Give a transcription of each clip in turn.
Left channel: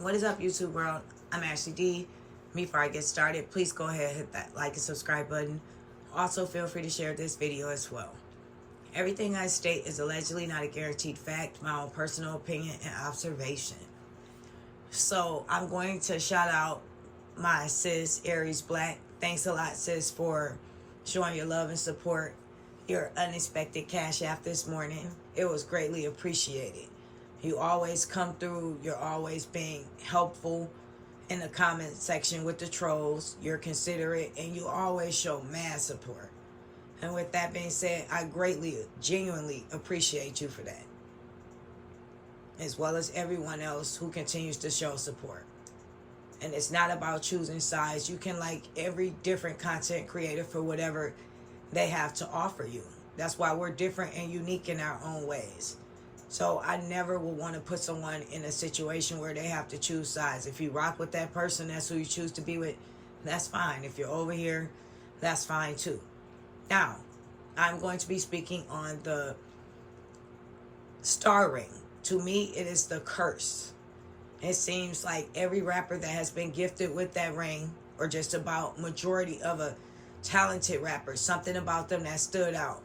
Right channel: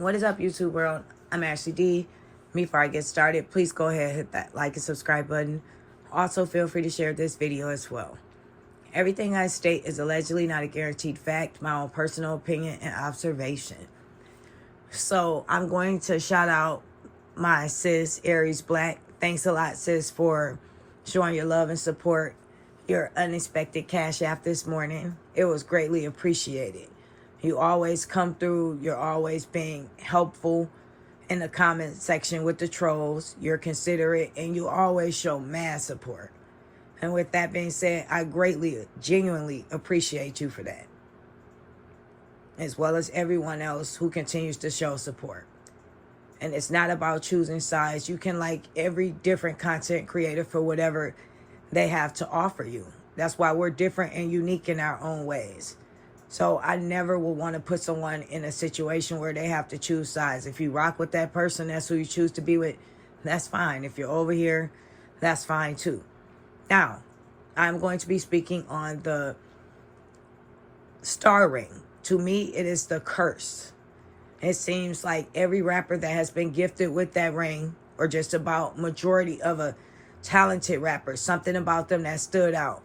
What is up, YouTube world? I'm Ashley D. Before I get started, please go ahead and hit that like and subscribe button. Also, feel free to share this video as well. Everything I state is allegedly not a guaranteed fact, my own personal opinion and observation. So I'm going to shout out my sis, Aries Black. Thanks a lot, sis, for showing your love and support. Your unexpected cash app this morning. It was greatly appreciated. You always come through. You're always being helpful in the comment section with the trolls. You're considerate and you always show mad support. And with that being said, I greatly, genuinely appreciate you for that. As well as everyone else who continues to show support. And it's not about choosing sides. You can like every different content creator for whatever they have to offer you. That's why we're different and unique in our own ways. So I never will want to put someone in a situation where they have to choose sides. If you rock with that person, that's who you choose to be with, that's fine. If you're over here, that's fine too. Now, I'm going to be speaking on the star ring. To me, it is the curse. It seems like every rapper that has been gifted with that ring, or just about majority of a talented rapper, something about them that stood out.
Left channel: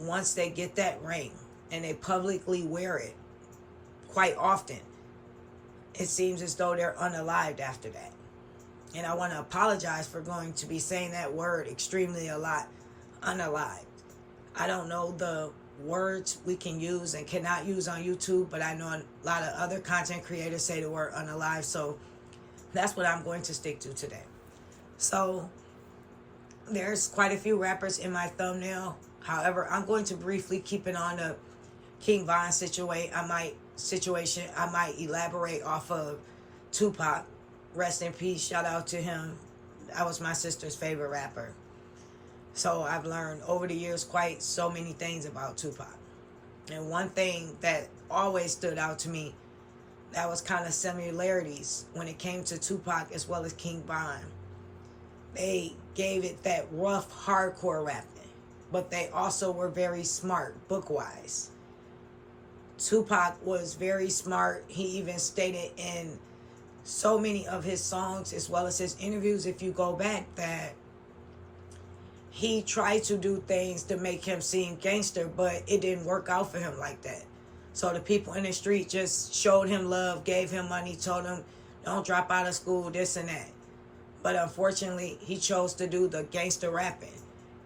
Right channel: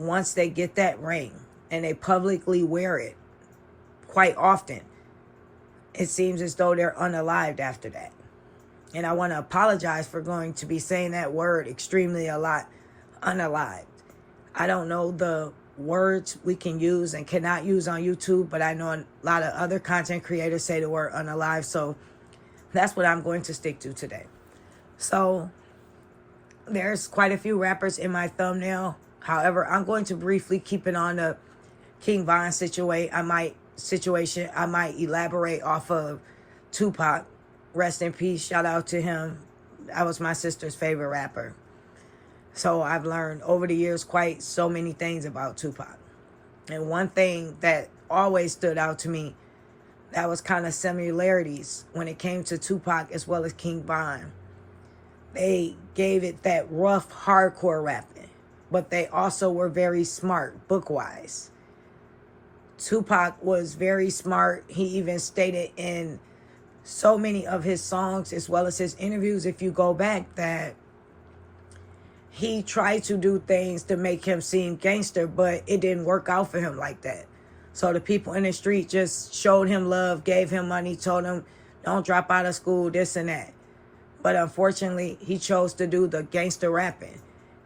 Once they get that ring, and they publicly wear it quite often, it seems as though they're unalived after that. And I want to apologize for going to be saying that word extremely a lot, unalived. I don't know the words we can use and cannot use on YouTube, but I know a lot of other content creators say the word unalived, so that's what I'm going to stick to today. So there's quite a few rappers in my thumbnail. However, I'm going to briefly keep it on the King Von situation. I might elaborate off of Tupac. Rest in peace. Shout out to him. That was my sister's favorite rapper. So I've learned over the years quite so many things about Tupac. And one thing that always stood out to me, that was kind of similarities when it came to Tupac as well as King Von. They gave it that rough, hardcore rapping, but they also were very smart, book-wise. Tupac was very smart. He even stated in so many of his songs as well as his interviews, if you go back, that he tried to do things to make him seem gangster, but it didn't work out for him like that. So the people in the street just showed him love, gave him money, told him, don't drop out of school, this and that. But unfortunately, he chose to do the gangster rapping.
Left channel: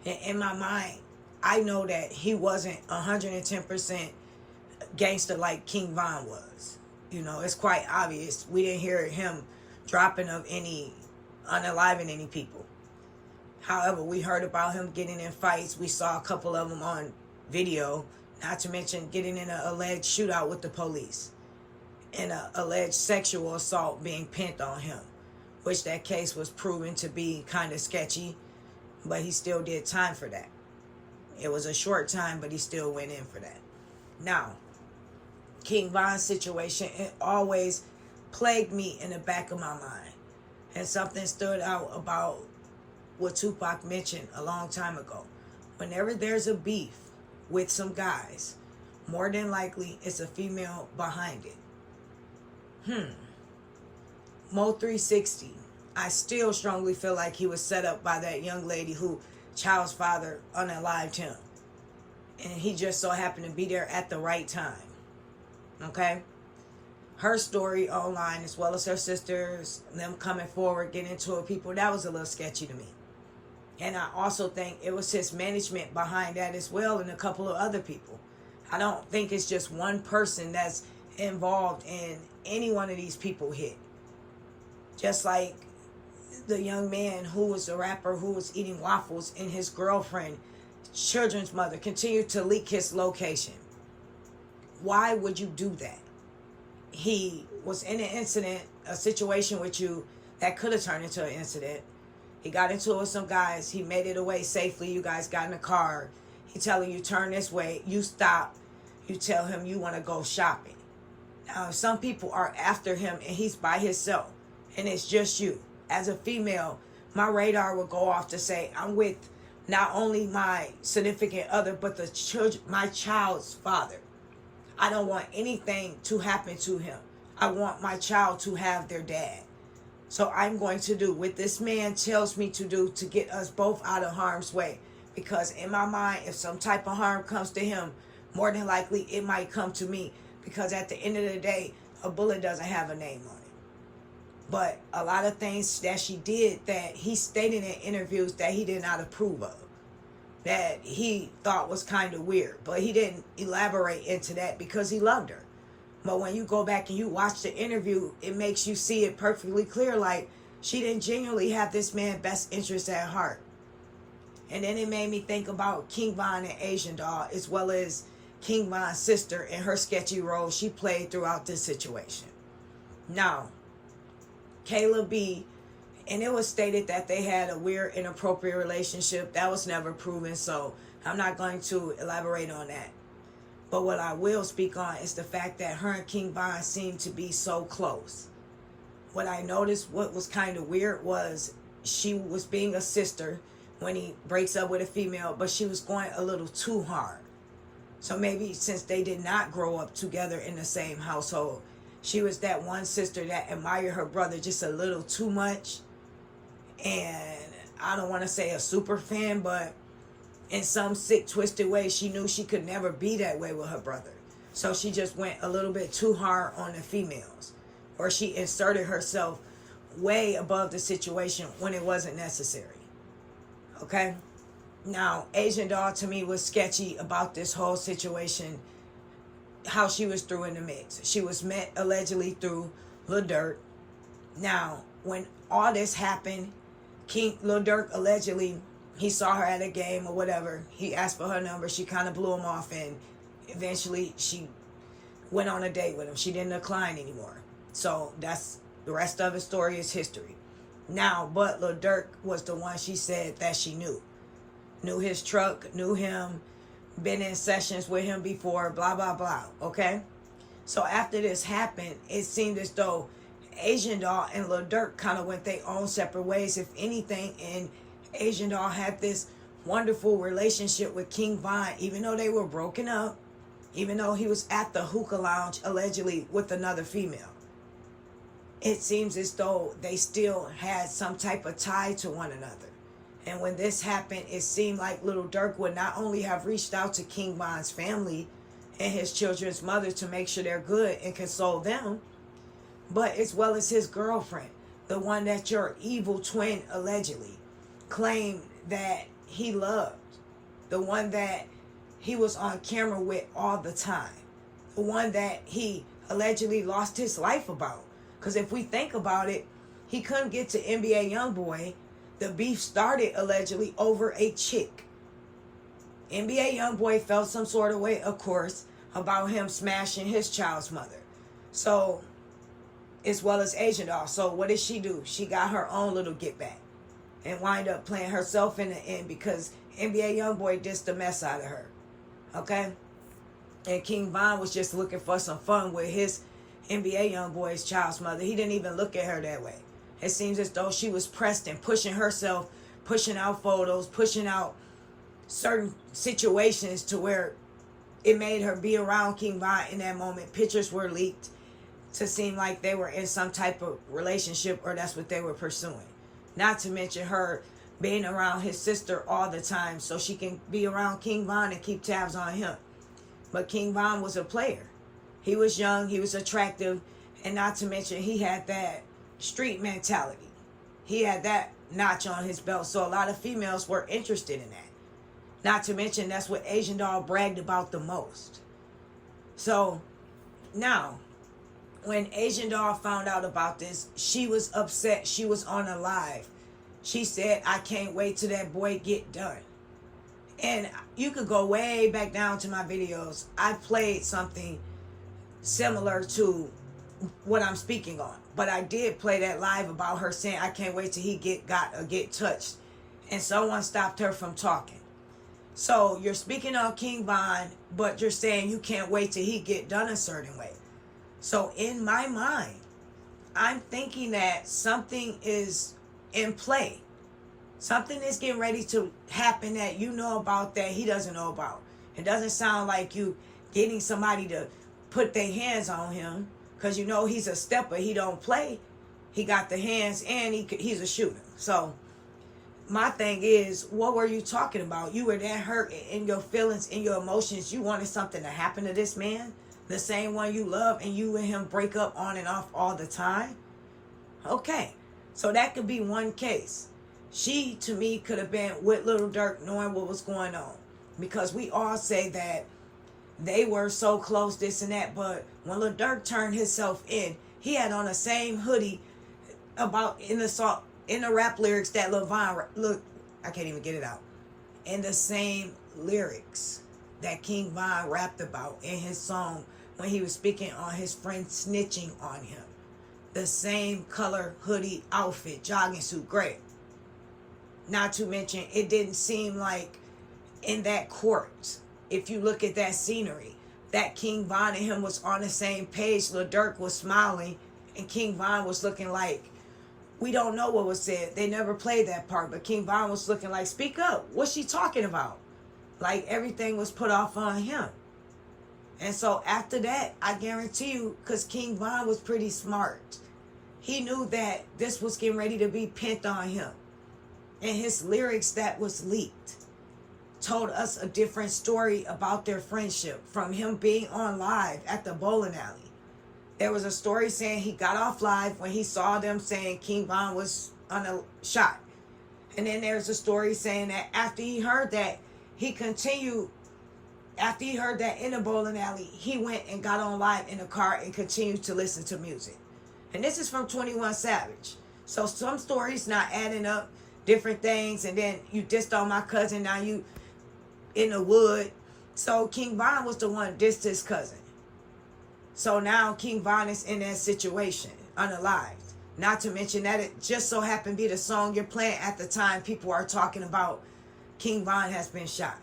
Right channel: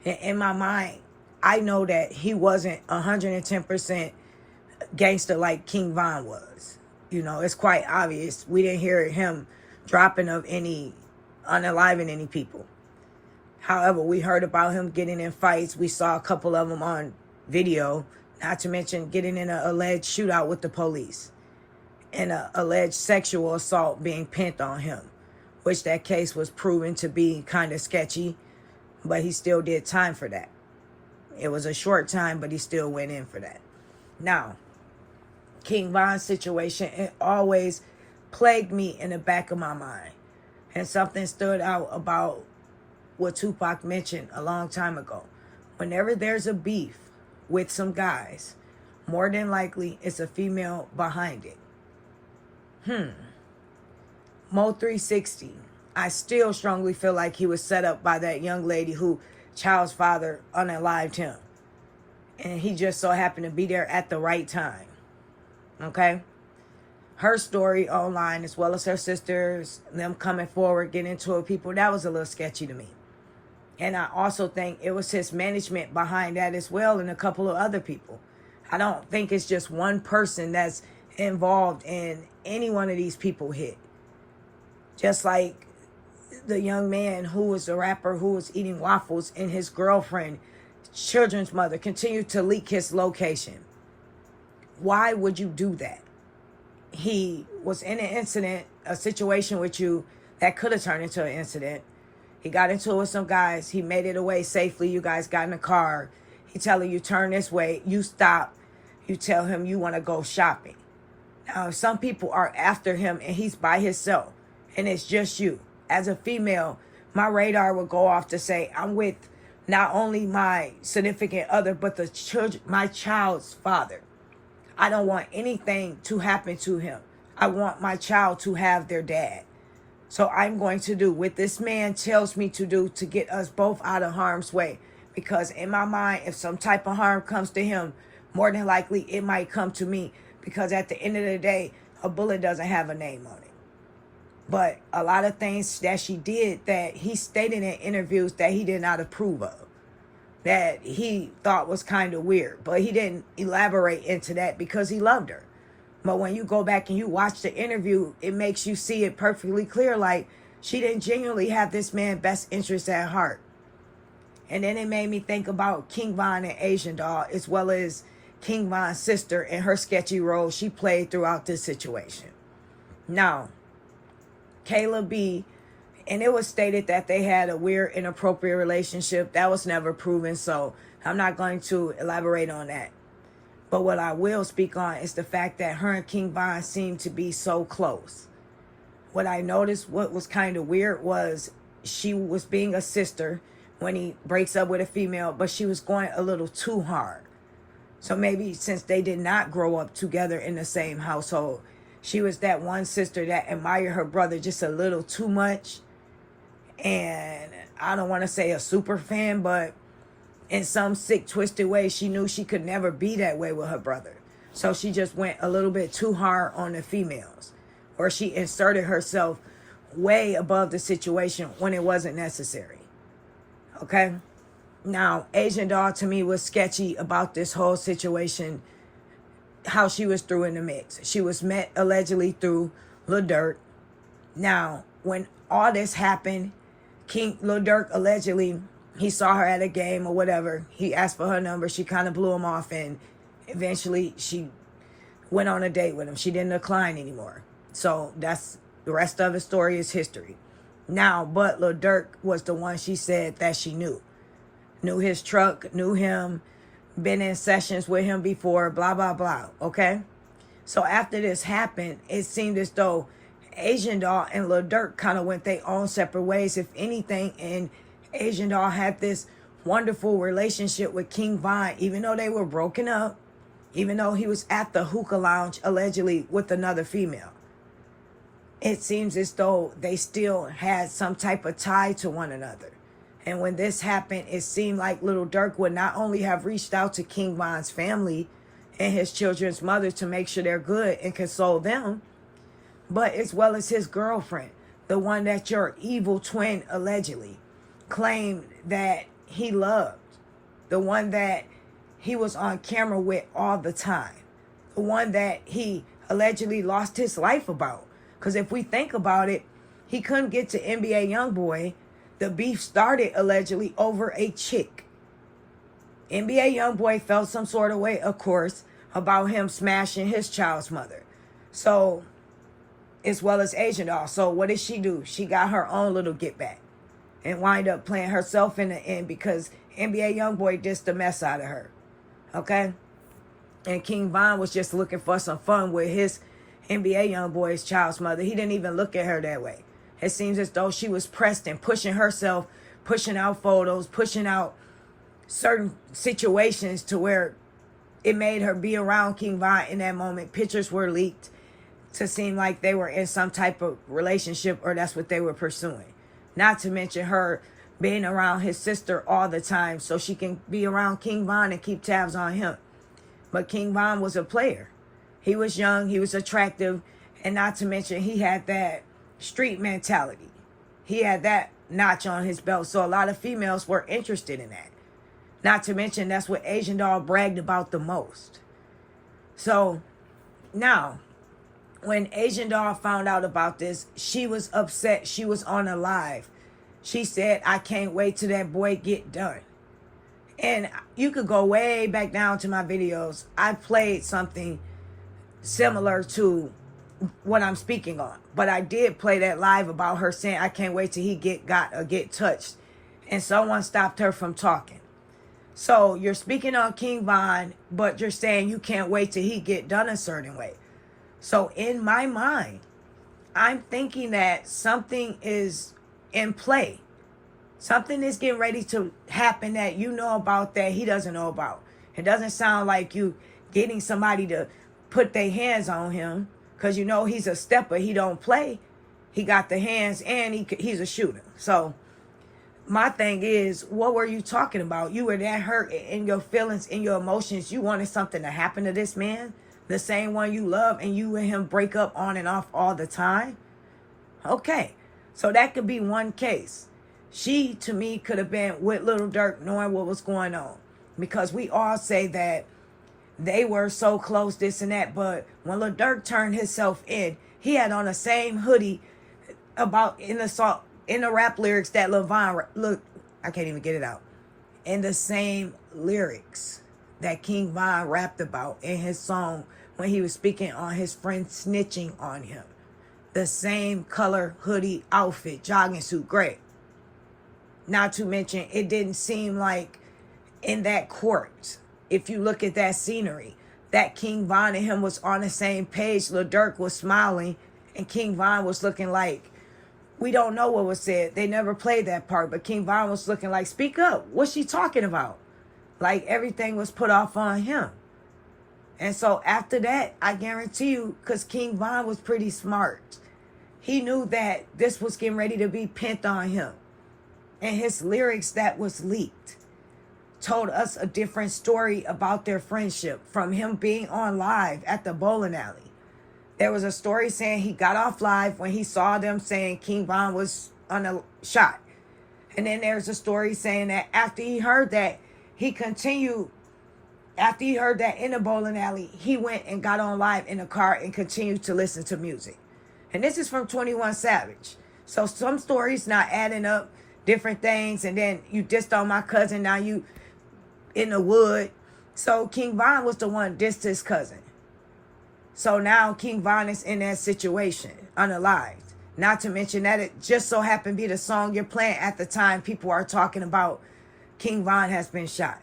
And in my mind, I know that he wasn't 110% gangster like King Von was. You know, it's quite obvious. We didn't hear him dropping of any, unaliving any people. However, we heard about him getting in fights. We saw a couple of them on video, not to mention getting in an alleged shootout with the police and an alleged sexual assault being pinned on him, which that case was proven to be kind of sketchy, but he still did time for that. It was a short time, but he still went in for that. Now, King Von's situation, it always plagued me in the back of my mind. And something stood out about what Tupac mentioned a long time ago. Whenever there's a beef with some guys, more than likely it's a female behind it. Mo3, I still strongly feel like he was set up by that young lady who child's father unalived him. And he just so happened to be there at the right time. Okay? Her story online, as well as her sisters, them coming forward, getting into it, people, that was a little sketchy to me. And I also think it was his management behind that as well, and a couple of other people. I don't think it's just one person that's involved in any one of these people hit. Just like the young man who was a rapper who was eating waffles and his girlfriend, children's mother, continued to leak his location. Why would you do that? He was in an incident, a situation with you that could have turned into an incident. He got into it with some guys. He made it away safely. You guys got in the car. He telling you, turn this way. You stop. You tell him you want to go shopping. Now, some people are after him and he's by himself and it's just you. As a female, my radar will go off to say, I'm with not only my significant other, but my child's father. I don't want anything to happen to him. I want my child to have their dad. So I'm going to do what this man tells me to do to get us both out of harm's way. Because in my mind, if some type of harm comes to him, more than likely it might come to me. Because at the end of the day, a bullet doesn't have a name on it. But a lot of things that she did that he stated in interviews that he did not approve of, that he thought was kind of weird. But he didn't elaborate into that because he loved her. But when you go back and you watch the interview, it makes you see it perfectly clear. Like, she didn't genuinely have this man's best interest at heart. And then it made me think about King Von and Asian Doll, as well as King Von's sister and her sketchy role she played throughout this situation. Now, Kayla B, and it was stated that they had a weird, inappropriate relationship. That was never proven, so I'm not going to elaborate on that. But what I will speak on is the fact that her and King Von seemed to be so close. What I noticed, what was kind of weird, was she was being a sister when he breaks up with a female, but she was going a little too hard. So maybe since they did not grow up together in the same household, she was that one sister that admired her brother just a little too much. And I don't want to say a super fan, but in some sick, twisted way, she knew she could never be that way with her brother. So she just went a little bit too hard on the females, or she inserted herself way above the situation when it wasn't necessary. Okay? Now, Asian Doll to me was sketchy about this whole situation, how she was through in the mix. She was met allegedly through Lil Durk. Now, when all this happened, Lil Durk allegedly, he saw her at a game or whatever. He asked for her number. She kind of blew him off, and eventually she went on a date with him. She didn't decline anymore. So that's the rest of the story is history. Now, but Lil Durk was the one she said that she knew. Knew his truck, knew him, been in sessions with him before, blah, blah, blah. Okay? So after this happened, it seemed as though Asian Doll and Lil Durk kind of went their own separate ways, if anything, and Asian Doll had this wonderful relationship with King Von, even though they were broken up, even though he was at the hookah lounge allegedly with another female. It seems as though they still had some type of tie to one another. And when this happened, it seemed like Lil Durk would not only have reached out to King Von's family and his children's mother to make sure they're good and console them, but as well as his girlfriend, the one that your evil twin allegedly claimed that he loved, the one that he was on camera with all the time, the one that he allegedly lost his life about. Because if we think about it, he couldn't get to NBA Youngboy. The beef started allegedly over a chick. NBA Youngboy felt some sort of way, of course, about him smashing his child's mother. So, as well as Asian Doll. So what did she do? She got her own little get back and wind up playing herself in the end because NBA Youngboy dissed the mess out of her. Okay? And King Von was just looking for some fun with his NBA Youngboy's child's mother. He didn't even look at her that way. It seems as though she was pressed and pushing herself, pushing out photos, pushing out certain situations to where it made her be around King Von in that moment. Pictures were leaked to seem like they were in some type of relationship, or that's what they were pursuing. Not to mention her being around his sister all the time so she can be around King Von and keep tabs on him. But King Von was a player. He was young, he was attractive, and not to mention he had that street mentality. He had that notch on his belt, so a lot of females were interested in that. Not to mention that's what Asian Doll bragged about the most. So now, when Asian Doll found out about this, she was upset. She was on a live. She said, "I can't wait till that boy get done." And you could go way back down to my videos. I played something similar to what I'm speaking on. But I did play that live about her saying, "I can't wait till he get touched." And someone stopped her from talking. So you're speaking on King Von, but you're saying you can't wait till he get done a certain way. So in my mind, I'm thinking that something is in play. Something is getting ready to happen that you know about that he doesn't know about. It doesn't sound like you getting somebody to put their hands on him, Because you know he's a stepper. He don't play. He got the hands and he's a shooter. So my thing is, what were you talking about? You were that hurt in your feelings, in your emotions. You wanted something to happen to this man, the same one you love, and you and him break up on and off all the time? Okay, so that could be one case. She, to me, could have been with Lil Durk knowing what was going on. Because we all say that they were so close, this and that. But when Lil Durk turned himself in, he had on the same hoodie about in the rap lyrics that Levon, look, I can't even get it out. In the same lyrics that King Von rapped about in his song when he was speaking on his friend snitching on him. The same color hoodie outfit, jogging suit, gray. Not to mention, it didn't seem like in that court, if you look at that scenery, that King Von and him was on the same page. Lil Durk was smiling and King Von was looking like, we don't know what was said. They never played that part, but King Von was looking like, speak up. What's she talking about? Like everything was put off on him. And so after that, I guarantee you, because King Von was pretty smart, he knew that this was getting ready to be pent on him. And his lyrics that was leaked told us a different story about their friendship from him being on live at the bowling alley. There was a story saying he got off live when he saw them saying King Von was on a shot. And then there's a story saying that after he heard that, he continued, after he heard that in the bowling alley, he went and got on live in the car and continued to listen to music. And this is from 21 Savage. So some stories not adding up, different things, and then you dissed on my cousin, now you in the wood. So King Von was the one dissed his cousin. So now King Von is in that situation, unalived. Not to mention that it just so happened to be the song you're playing at the time people are talking about King Von has been shot.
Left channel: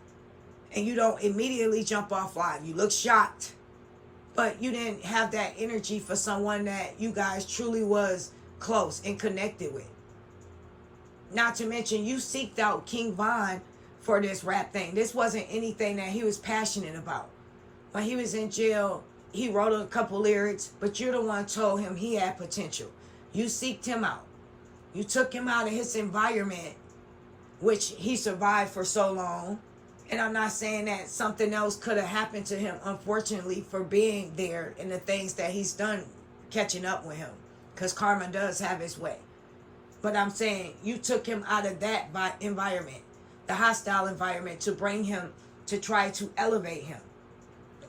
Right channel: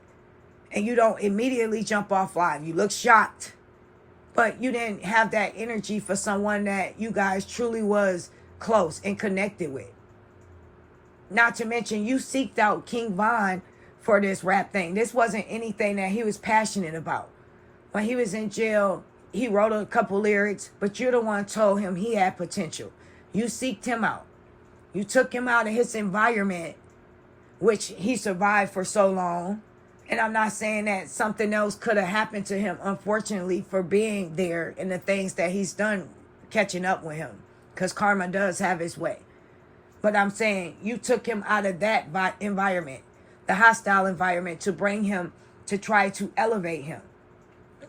And you don't immediately jump off live. You look shocked, but you didn't have that energy for someone that you guys truly was close and connected with. Not to mention you seeked out King Von for this rap thing. This wasn't anything that he was passionate about. When he was in jail, he wrote a couple lyrics, but you're the one told him he had potential. You seeked him out. You took him out of his environment, which he survived for so long. And I'm not saying that something else could have happened to him, unfortunately, for being there and the things that he's done catching up with him. Because karma does have its way. But I'm saying you took him out of that environment, the hostile environment, to bring him, to try to elevate him.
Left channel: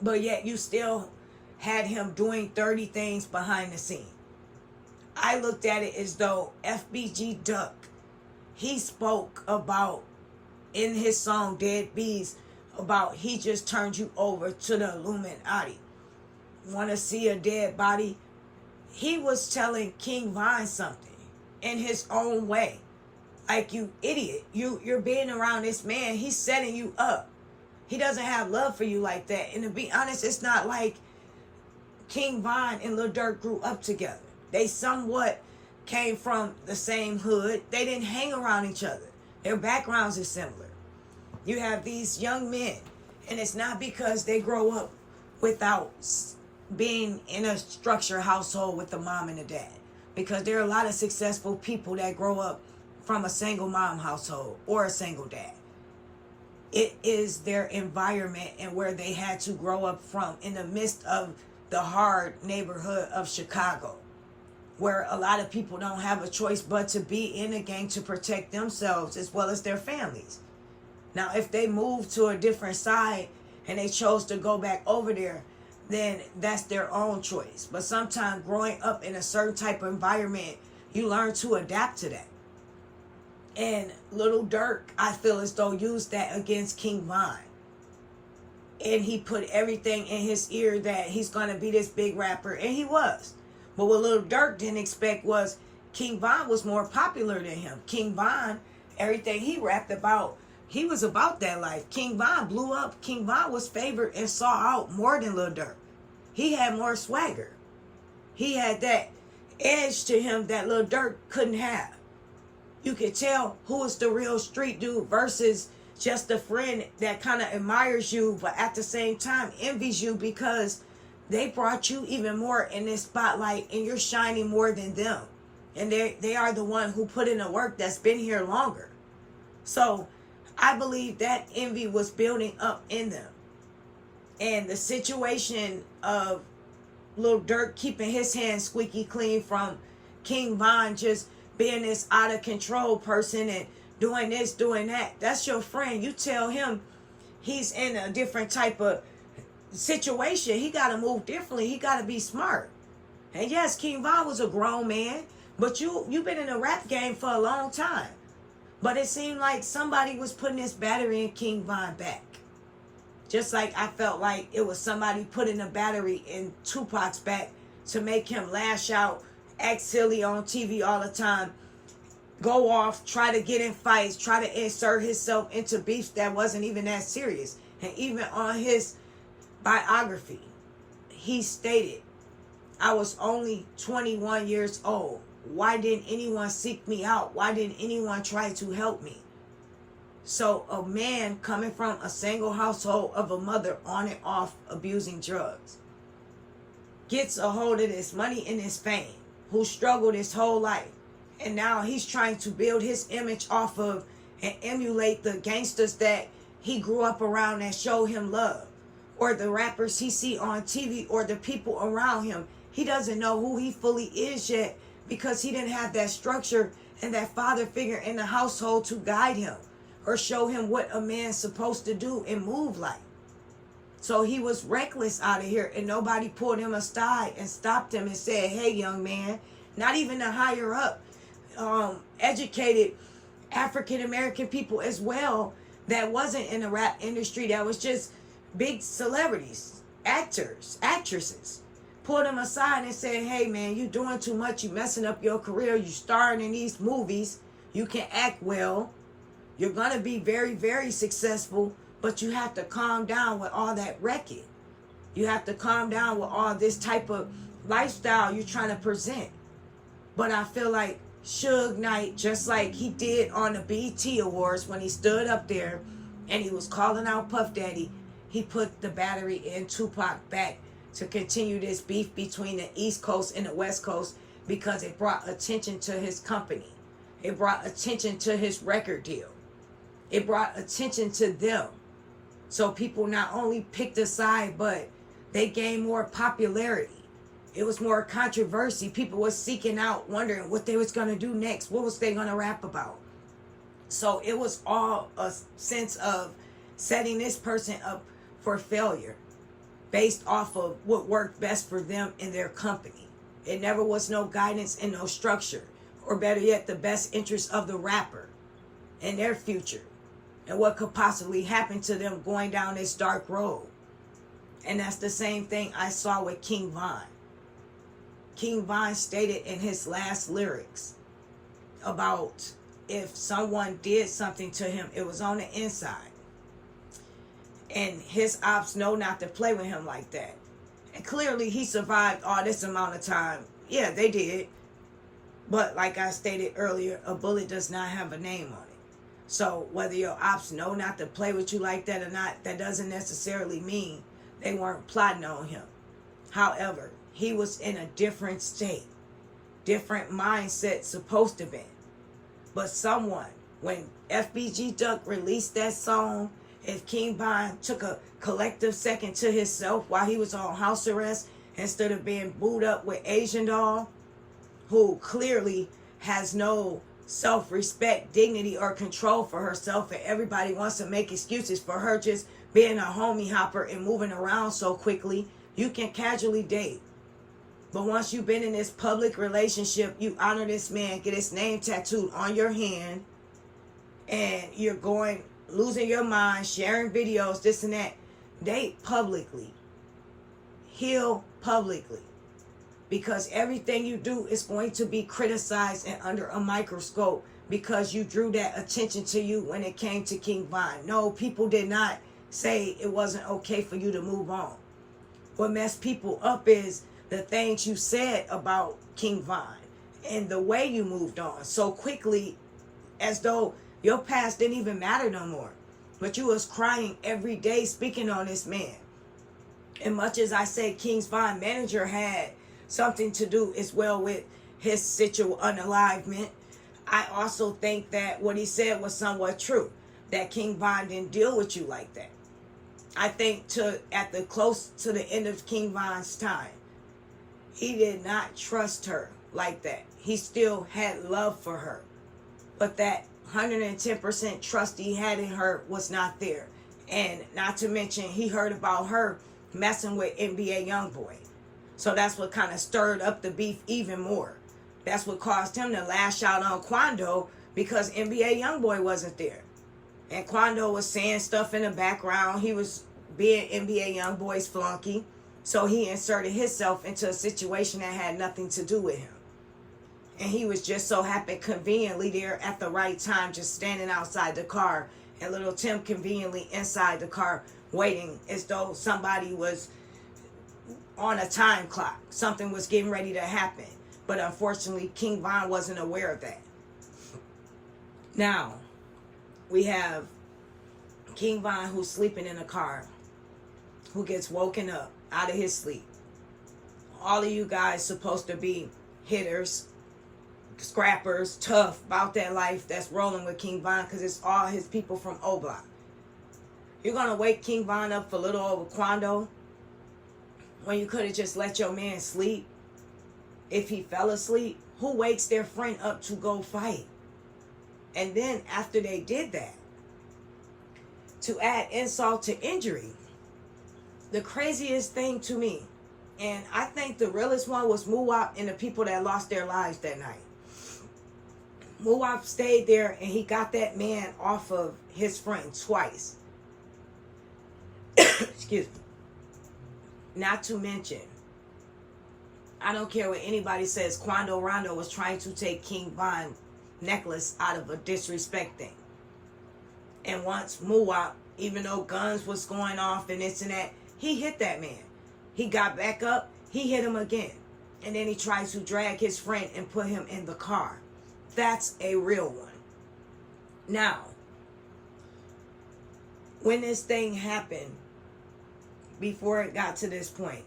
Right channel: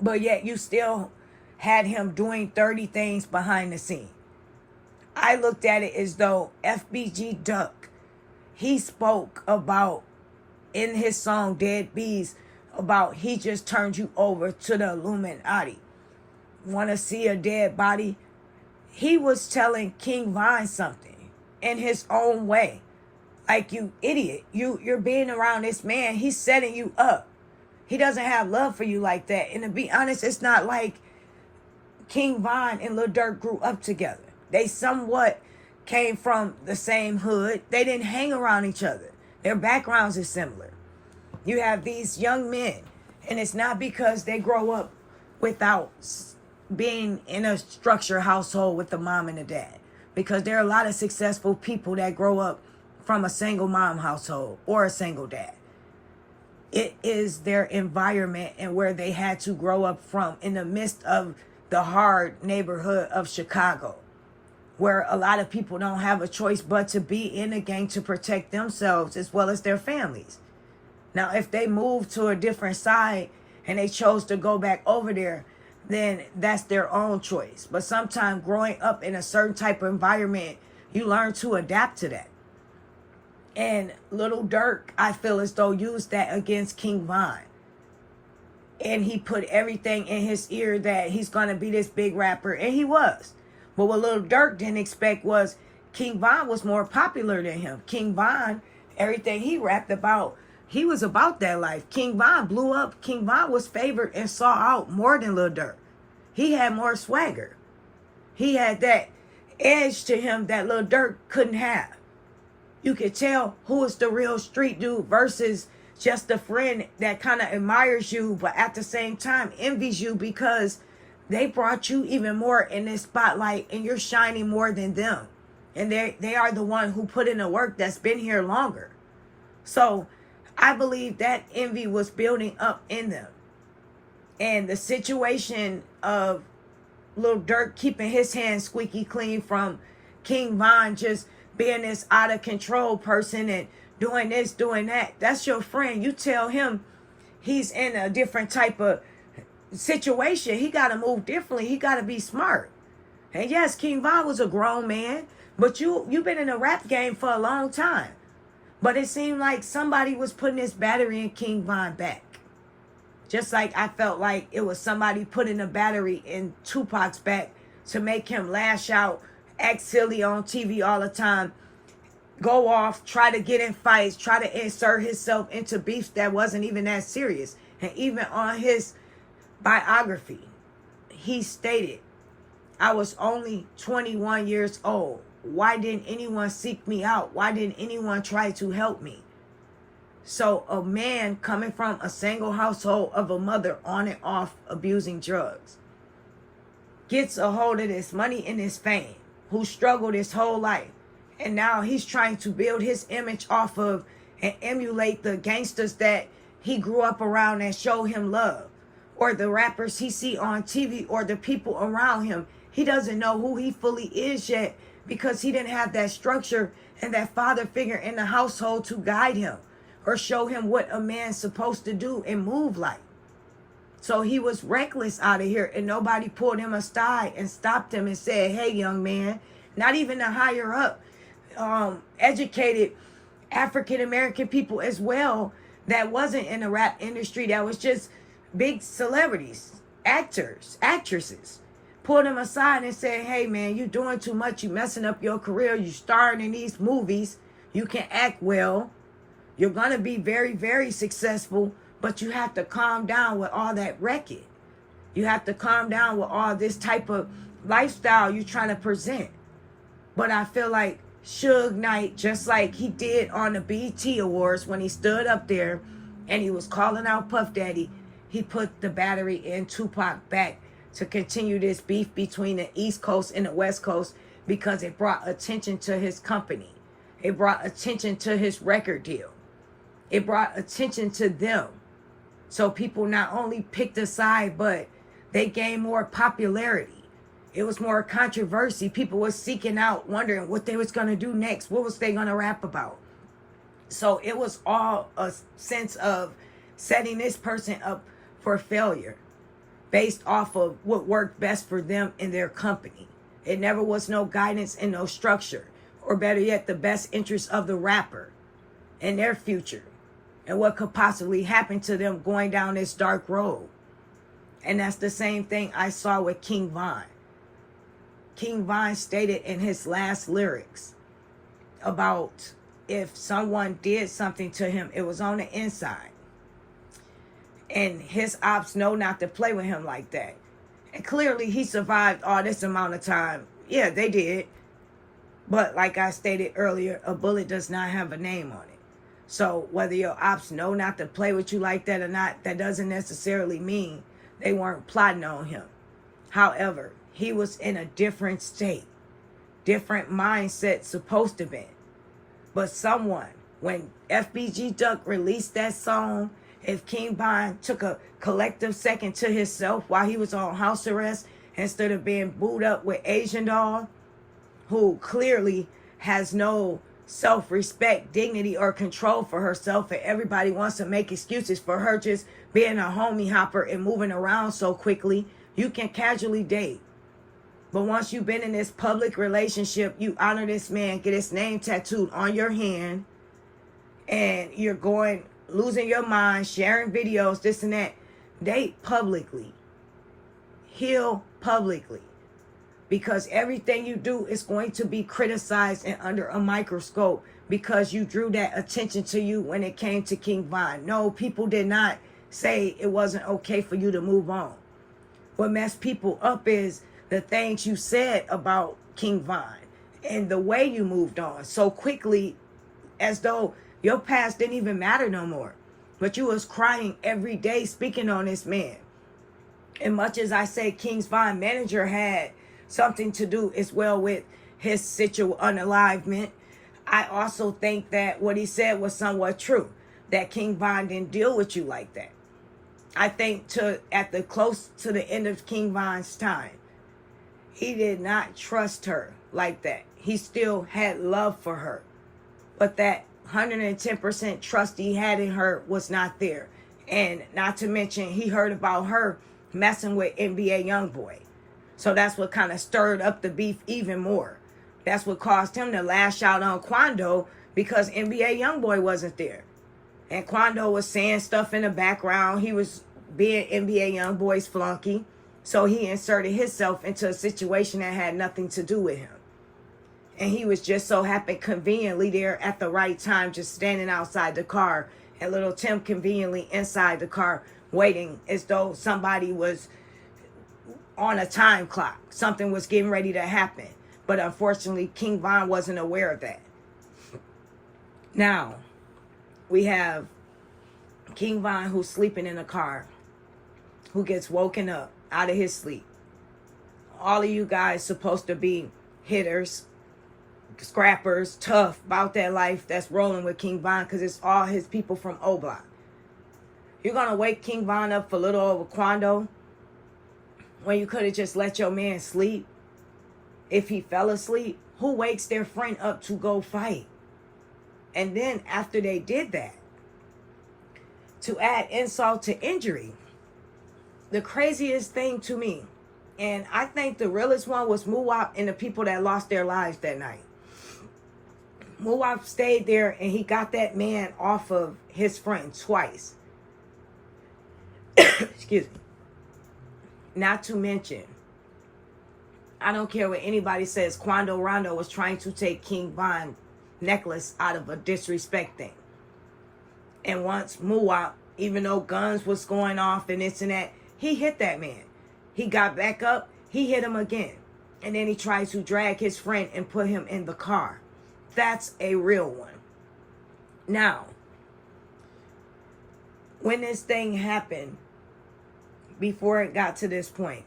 But yet you still had him doing 30 things behind the scene. I looked at it as though FBG Duck, he spoke about, in his song Dead Bees, about he just turned you over to the Illuminati. Want to see a dead body? He was telling King Von something in his own way. Like, you idiot. You're being around this man. He's setting you up. He doesn't have love for you like that. And to be honest, it's not like King Von and Lil Durk grew up together. They somewhat came from the same hood. They didn't hang around each other. Their backgrounds are similar. You have these young men, and it's not because they grow up without being in a structured household with the mom and the dad. Because there are a lot of successful people that grow up from a single mom household or a single dad. It is their environment and where they had to grow up from in the midst of the hard neighborhood of Chicago, where a lot of people don't have a choice but to be in a gang to protect themselves as well as their families. Now, if they move to a different side and they chose to go back over there, then that's their own choice. But sometimes growing up in a certain type of environment, you learn to adapt to that. And Lil Durk, I feel as though, used that against King Von. And he put everything in his ear that he's going to be this big rapper. And he was. But what Lil Durk didn't expect was King Von was more popular than him. King Von, everything he rapped about, he was about that life. King Von blew up. King Von was favored and saw out more than Lil Durk. He had more swagger. He had that edge to him that Lil Durk couldn't have. You could tell who is the real street dude versus just a friend that kind of admires you, but at the same time envies you because they brought you even more in this spotlight, and you're shining more than them. And they are the one who put in the work that's been here longer. So I believe that envy was building up in them. And the situation of Lil Durk keeping his hands squeaky clean from King Von just being this out of control person and doing this, doing that. That's your friend. You tell him he's in a different type of situation. He got to move differently. He got to be smart. And yes, King Von was a grown man, but you've been in the rap game for a long time. But it seemed like somebody was putting this battery in King Von back. Just like I felt like it was somebody putting a battery in Tupac's back to make him lash out, act silly on TV all the time, go off, try to get in fights, try to insert himself into beefs that wasn't even that serious. And even on his biography, he stated, I was only 21 years old. Why didn't anyone seek me out? Why didn't anyone try to help me? So a man coming from a single household of a mother on and off abusing drugs gets a hold of this money and this fame, who struggled his whole life. And now he's trying to build his image off of and emulate the gangsters that he grew up around that show him love, or the rappers he see on TV, or the people around him. He doesn't know who he fully is yet because he didn't have that structure and that father figure in the household to guide him or show him what a man's supposed to do and move like. So he was reckless out of here, and nobody pulled him aside and stopped him and said, hey, young man. Not even the higher up, educated African-American people as well that wasn't in the rap industry, that was just big celebrities, actors, actresses, pulled him aside and said, hey, man, you doing too much. You messing up your career. You starring in these movies. You can act well. You're going to be very, very successful, but you have to calm down with all that wrecking. You have to calm down with all this type of lifestyle you're trying to present. But I feel like Suge Knight, just like he did on the BET Awards when he stood up there and he was calling out Puff Daddy, he put the battery in Tupac back to continue this beef between the East Coast and the West Coast, because it brought attention to his company. It brought attention to his record deal. It brought attention to them. So people not only picked a side, but they gained more popularity. It was more controversy. People were seeking out, wondering what they was going to do next. What was they going to rap about? So it was all a sense of setting this person up for failure based off of what worked best for them and their company. It never was no guidance and no structure, or better yet, the best interest of the rapper and their future and what could possibly happen to them going down this dark road. And that's the same thing I saw with King Von. King Von stated in his last lyrics about if someone did something to him, it was on the inside. And his ops know not to play with him like that. And clearly he survived all this amount of time. Yeah, they did. But like I stated earlier, a bullet does not have a name on it. So whether your ops know not to play with you like that or not, that doesn't necessarily mean they weren't plotting on him. However, he was in a different state, different mindset supposed to be. But someone, when FBG Duck released that song, if King Von took a collective second to himself while he was on house arrest instead of being booed up with Asian Doll, who clearly has no self-respect, dignity, or control for herself, and everybody wants to make excuses for her just being a homie hopper and moving around so quickly, you can casually date. But once you've been in this public relationship, you honor this man, get his name tattooed on your hand, and you're losing your mind, sharing videos, this and that. Date publicly. Heal publicly. Because everything you do is going to be criticized and under a microscope because you drew that attention to you when it came to King Von. No, people did not say it wasn't okay for you to move on. What messed people up is the things you said about King Von and the way you moved on so quickly, as though your past didn't even matter no more. But you was crying every day speaking on this man And much as I say King's Von manager had something to do as well with his unalivement, I also think that what he said was somewhat true. That King Von didn't deal with you like that. I think close to the end of King Von's time, he did not trust her like that. He still had love for her. But that 110% trust he had in her was not there. And not to mention, he heard about her messing with NBA Youngboy. So that's what kind of stirred up the beef even more. That's what caused him to lash out on Quando, because NBA Youngboy wasn't there. And Quando was saying stuff in the background. He was being NBA Youngboy's flunky. So he inserted himself into a situation that had nothing to do with him. And he was just so happened conveniently there at the right time, just standing outside the car. And little Tim conveniently inside the car, waiting as though somebody was on a time clock. Something was getting ready to happen. But unfortunately, King Von wasn't aware of that. Now, we have King Von who's sleeping in the car, who gets woken up out of his sleep. All of you guys supposed to be hitters, scrappers, tough about that life that's rolling with King Von, because it's all his people from O Block. You're going to wake King Von up for little over Quando when you could have just let your man sleep if he fell asleep? Who wakes their friend up to go fight? And then after they did that, to add insult to injury, the craziest thing to me, and I think the realest one, was Muwap and the people that lost their lives that night. Muwap stayed there and he got that man off of his friend twice. Excuse me. Not to mention, I don't care what anybody says, Quando Rondo was trying to take King Von necklace out of a disrespect thing. And once Muwap, even though guns was going off and this and that, he hit that man. He got back up, he hit him again. And then he tried to drag his friend and put him in the car. That's a real one. Now, when this thing happened, before it got to this point,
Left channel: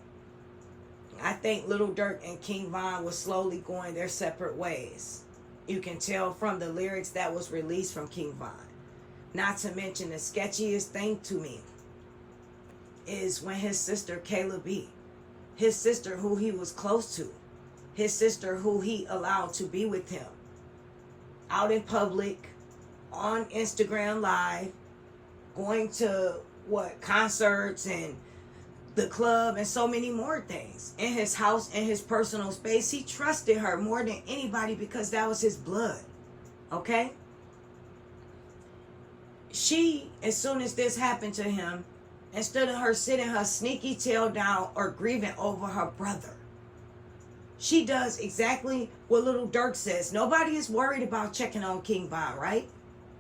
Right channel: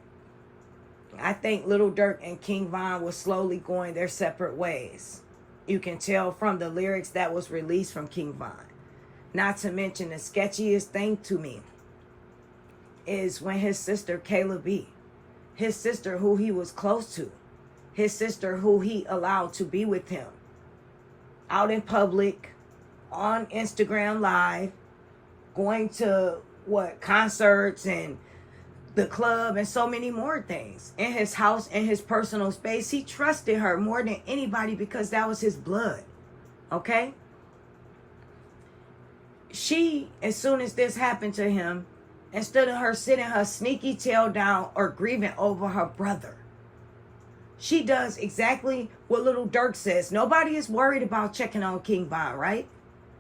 I think Lil Durk and King Von was slowly going their separate ways. You can tell from the lyrics that was released from King Von. Not to mention, the sketchiest thing to me is when his sister Kayla B, his sister who he was close to, his sister who he allowed to be with him, out in public, on Instagram Live, going to concerts and the club and so many more things, in his house, in his personal space. He trusted her more than anybody because that was his blood. Okay? She, as soon as this happened to him, instead of her sitting her sneaky tail down or grieving over her brother, she does exactly what Lil Durk says. Nobody is worried about checking on King Von, right?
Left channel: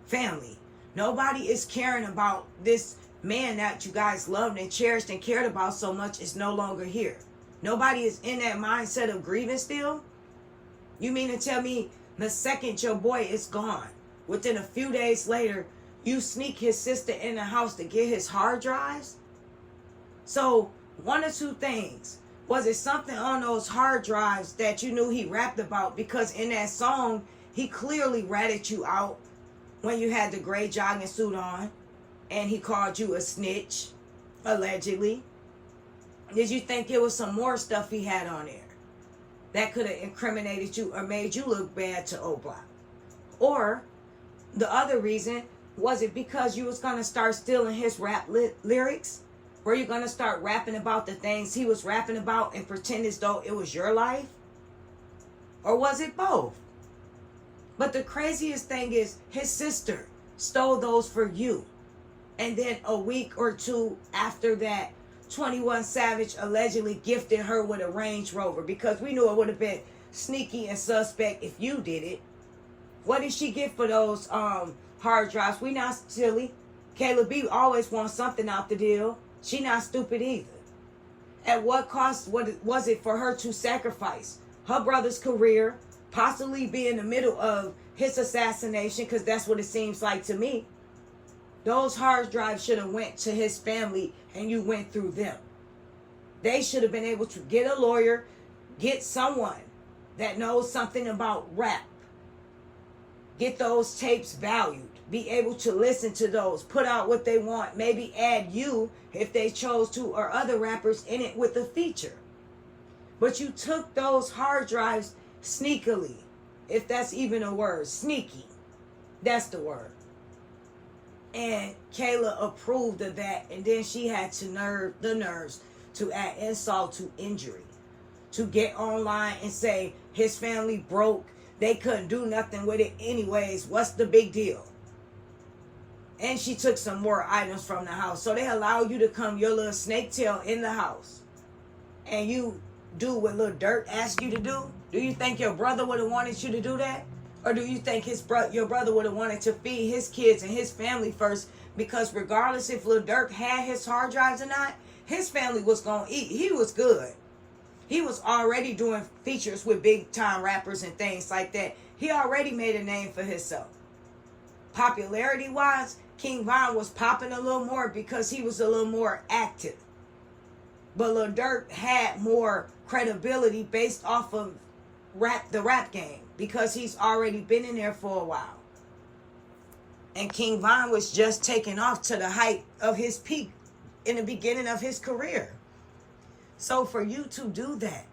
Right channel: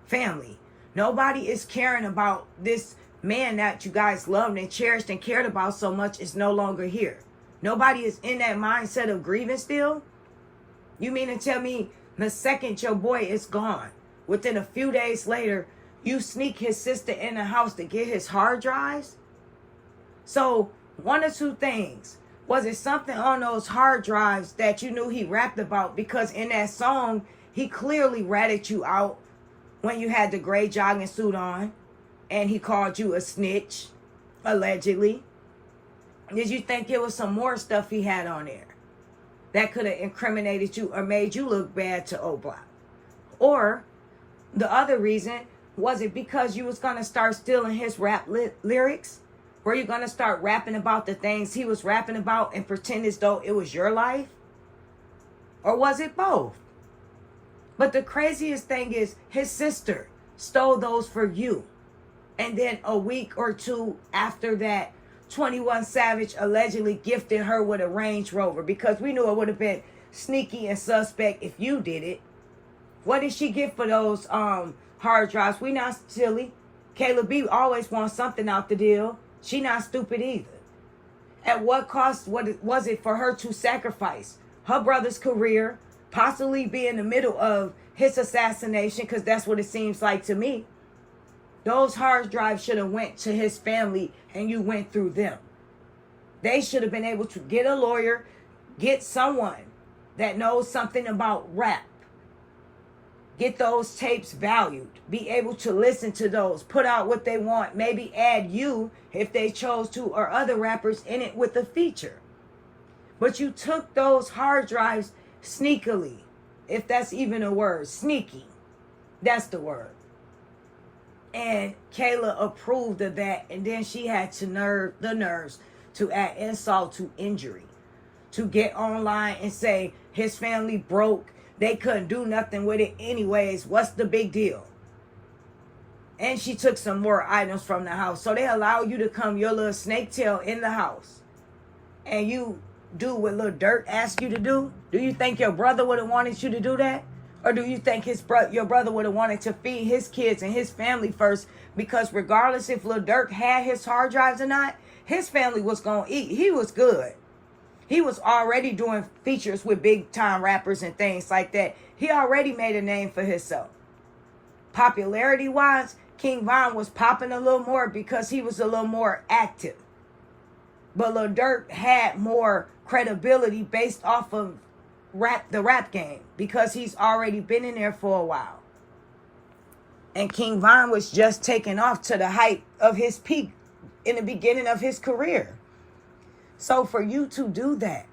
Family. Nobody is caring about this man that you guys loved and cherished and cared about so much is no longer here. Nobody is in that mindset of grieving still. You mean to tell me the second your boy is gone, within a few days later, you sneak his sister in the house to get his hard drives? So, one or two things. Was it something on those hard drives that you knew he rapped about? Because in that song, he clearly ratted you out when you had the gray jogging suit on. And he called you a snitch, allegedly. Did you think there was some more stuff he had on there that could have incriminated you or made you look bad to O Block? Or the other reason, was it because you was going to start stealing his rap lyrics? Were you going to start rapping about the things he was rapping about and pretend as though it was your life? Or was it both? But the craziest thing is his sister stole those for you. And then a week or two after that, 21 Savage allegedly gifted her with a Range Rover, because we knew it would have been sneaky and suspect if you did it. What did she get for those hard drives? We not silly. Kayla B always wants something out the deal. She not stupid either. At what cost was it for her to sacrifice her brother's career, possibly be in the middle of his assassination, because that's what it seems like to me? Those hard drives should have went to his family and you went through them. They should have been able to get a lawyer, get someone that knows something about rap, get those tapes valued, be able to listen to those, put out what they want, maybe add you, if they chose to, or other rappers in it with a feature. But you took those hard drives sneakily, if that's even a word. Sneaky, that's the word. And Kayla approved of that, and then she had to the nerves to add insult to injury, to get online and say his family broke, they couldn't do nothing with it anyways, what's the big deal? And she took some more items from the house. So they allow you to come your little snake tail in the house, and you do what Lil Durk asked you to do? Do you think your brother would have wanted you to do that? Or do you think your brother would have wanted to feed his kids and his family first? Because regardless if Lil Durk had his hard drives or not, his family was going to eat. He was good. He was already doing features with big time rappers and things like that. He already made a name for himself. Popularity wise, King Von was popping a little more because he was a little more active. But Lil Durk had more credibility based off of the rap game, because he's already been in there for a while. And King Von was just taking off to the height of his peak in the beginning of his career. So for you to do that,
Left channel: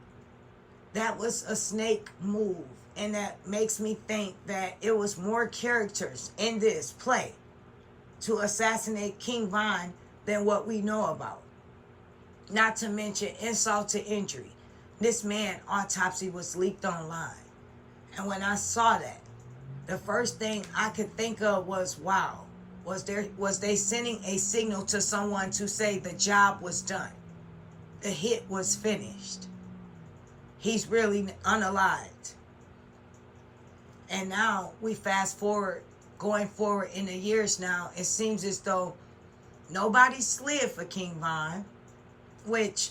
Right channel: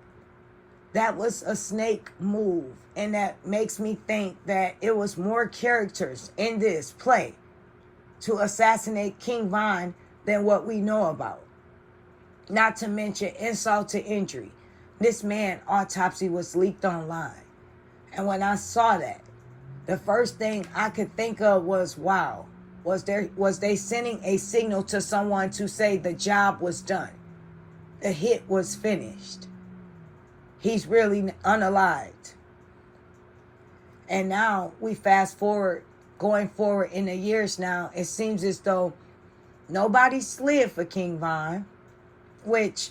that was a snake move. And that makes me think that it was more characters in this play to assassinate King Von than what we know about. Not to mention insult to injury. This man autopsy was leaked online. And when I saw that, the first thing I could think of was, wow, was they sending a signal to someone to say the job was done? The hit was finished. He's really unalived. And now we fast forward, going forward in the years now, it seems as though nobody slid for King Von, which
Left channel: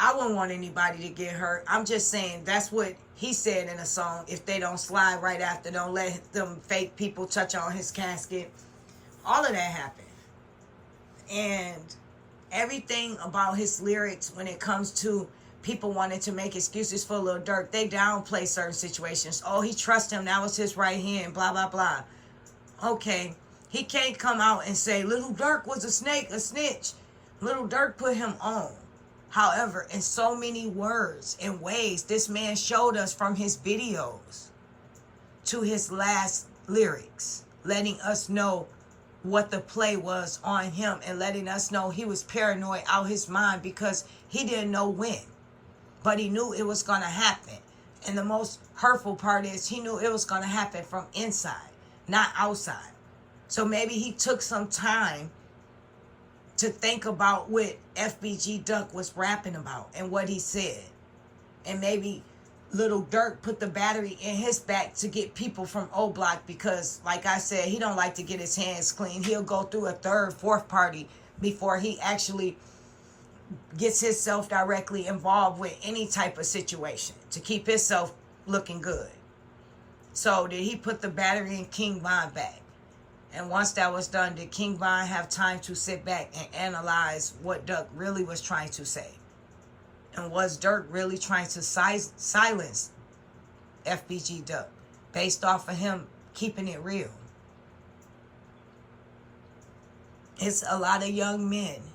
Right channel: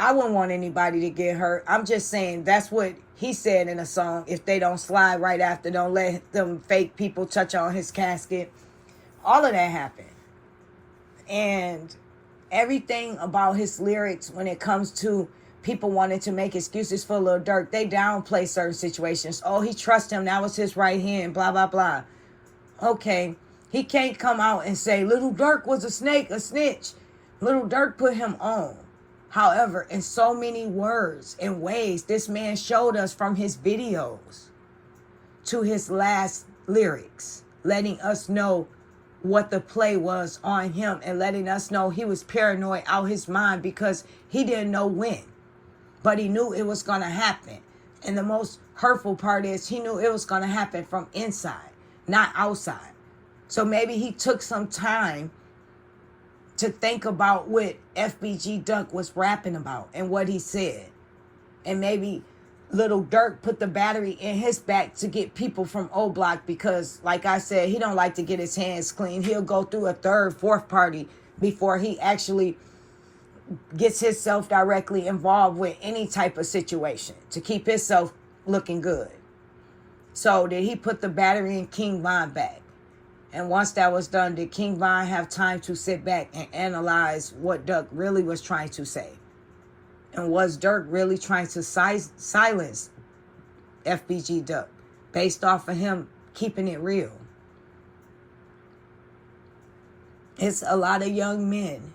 I wouldn't want anybody to get hurt. I'm just saying that's what he said in a song. If they don't slide right after, don't let them fake people touch on his casket. All of that happened. And everything about his lyrics when it comes to people wanting to make excuses for Lil Durk, they downplay certain situations. Oh, he trusts him. That was his right hand, blah, blah, blah. Okay, he can't come out and say Lil Durk was a snake, a snitch. Lil Durk put him on. However, in so many words and ways, this man showed us from his videos to his last lyrics, letting us know what the play was on him and letting us know he was paranoid out his mind because he didn't know when, but he knew it was going to happen. And the most hurtful part is he knew it was going to happen from inside, not outside. So maybe he took some time to think about what FBG Duck was rapping about and what he said. And maybe Lil Durk put the battery in his back to get people from O Block because, like I said, he don't like to get his hands clean. He'll go through a third, fourth party before he actually gets himself directly involved with any type of situation to keep himself looking good. So did he put the battery in King Von back? And once that was done, did King Von have time to sit back and analyze what Durk really was trying to say? And was Durk really trying to silence FBG Duck based off of him keeping it real? It's a lot of young men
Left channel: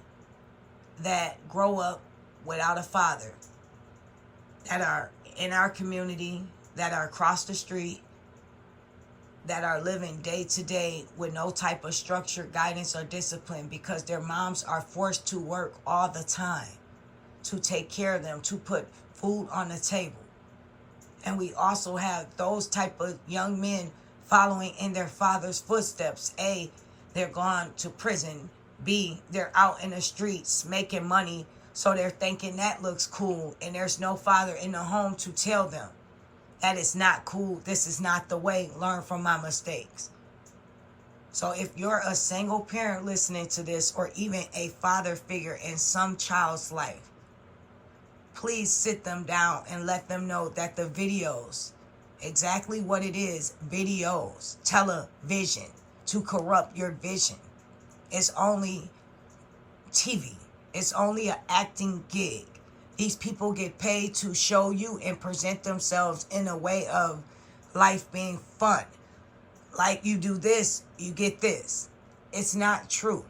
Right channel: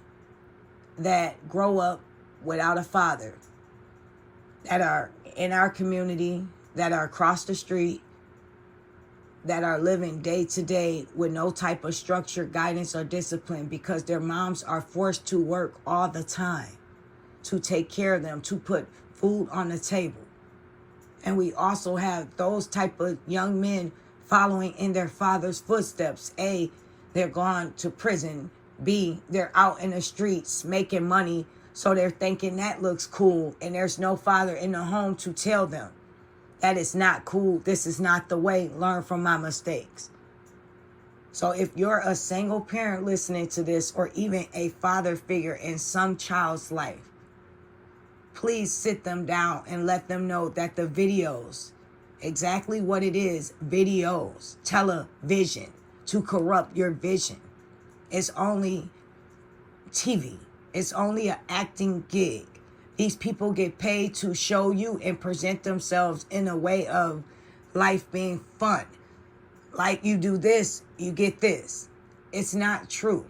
that grow up without a father, that are in our community, that are across the street, that are living day to day with no type of structure, guidance, or discipline because their moms are forced to work all the time to take care of them, to put food on the table. And we also have those type of young men following in their father's footsteps. A, they're gone to prison. B, they're out in the streets making money, so they're thinking that looks cool, and there's no father in the home to tell them that is not cool. This is not the way. Learn from my mistakes. So if you're a single parent listening to this, or even a father figure in some child's life, please sit them down and let them know that the videos, exactly what it is, videos, television, to corrupt your vision. It's only TV. It's only an acting gig. These people get paid to show you and present themselves in a way of life being fun. Like you do this, you get this. It's not true.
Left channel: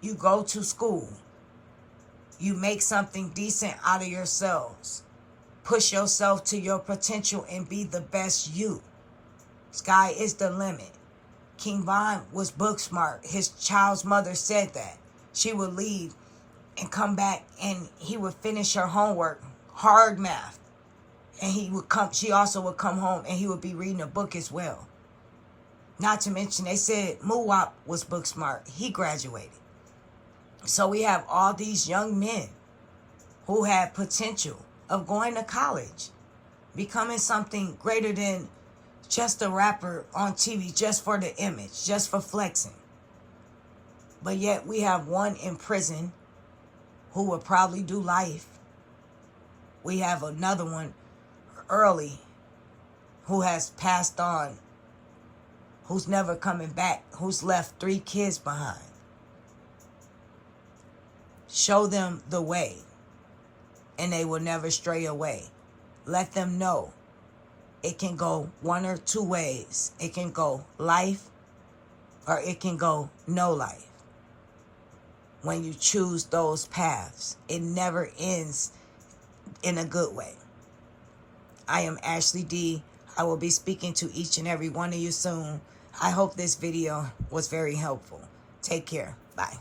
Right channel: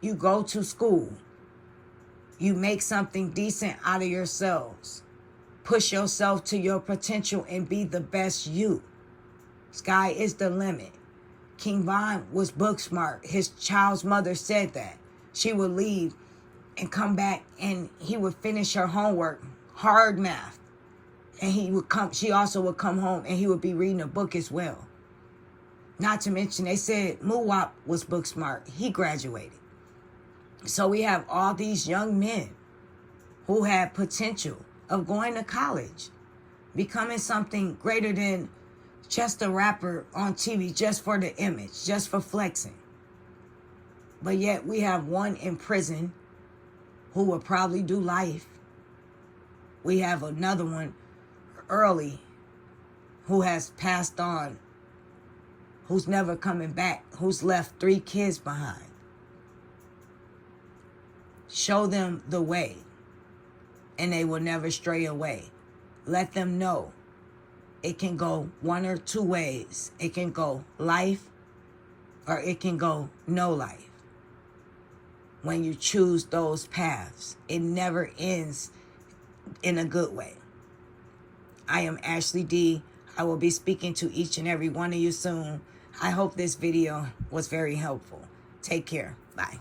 You go to school. You make something decent out of yourselves. Push yourself to your potential and be the best you. Sky is the limit. King Von was book smart. His child's mother said that. She would leave and come back and he would finish her homework, hard math. And she also would come home and he would be reading a book as well. Not to mention, they said Muwap was book smart. He graduated. So we have all these young men who have potential of going to college, becoming something greater than just a rapper on TV, just for the image, just for flexing. But yet we have one in prison who will probably do life. We have another one early who has passed on, who's never coming back, who's left 3 kids behind. Show them the way, and they will never stray away. Let them know it can go one or two ways. It can go life, or it can go no life. When you choose those paths, it never ends in a good way. I am Ashley D. I will be speaking to each and every one of you soon. I hope this video was very helpful. Take care. Bye.